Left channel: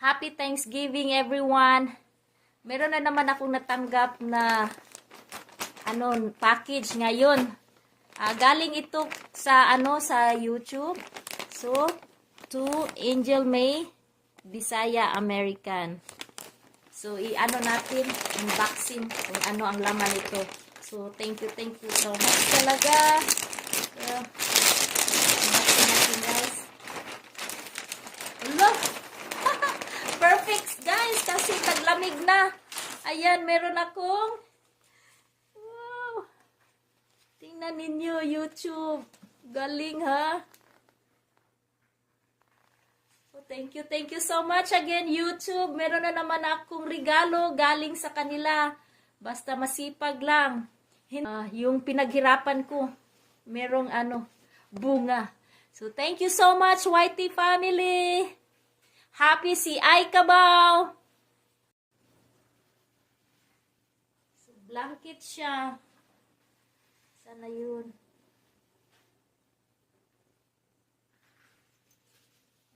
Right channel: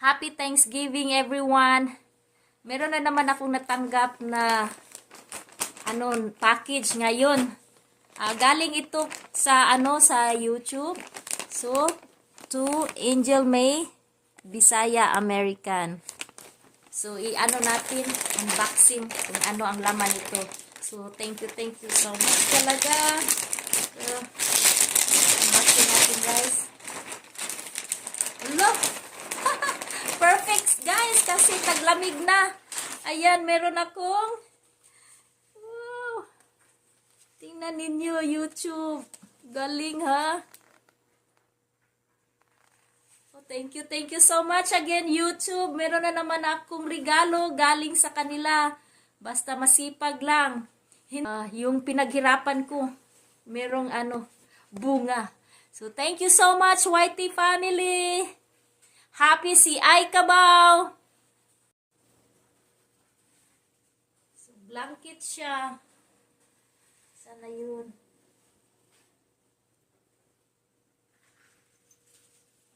Happy Thanksgiving everyone. Meron na naman akong natanggap na package ngayon. Galing ito sa sa YouTube. So, to Angel May Bisaya American. So, natin unboxing kung ano ang laman nito. So, thank you so much talaga. Unboxing natin, guys. Look! Perfect, guys, kasi taglamig na. Ayan, meron akong tingnan ninyo, YouTube. Galing, ha? Oh, thank you so much again, YouTube. Meron na naman akong regalo galing sa kanila. Basta masipag lang. Yung pinaghirapan ko, merong bunga. So, thank you so much, YT family. Happy si Ay Kabaw. So, blanket siya. Sana yun.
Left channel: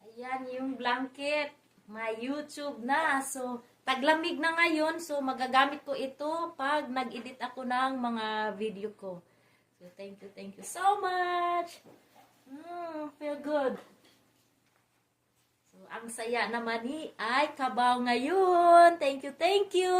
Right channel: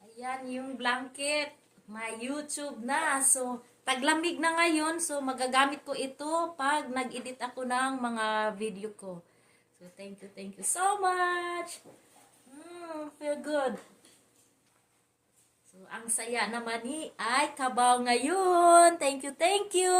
Ayan yung blanket. May YouTube na. So, taglamig na ngayon. So, magagamit ko ito pag nag-edit ako ng mga video ko. So, thank you so much. Feel good. So, ang saya naman ni Ay Kabaw ngayon. Thank you.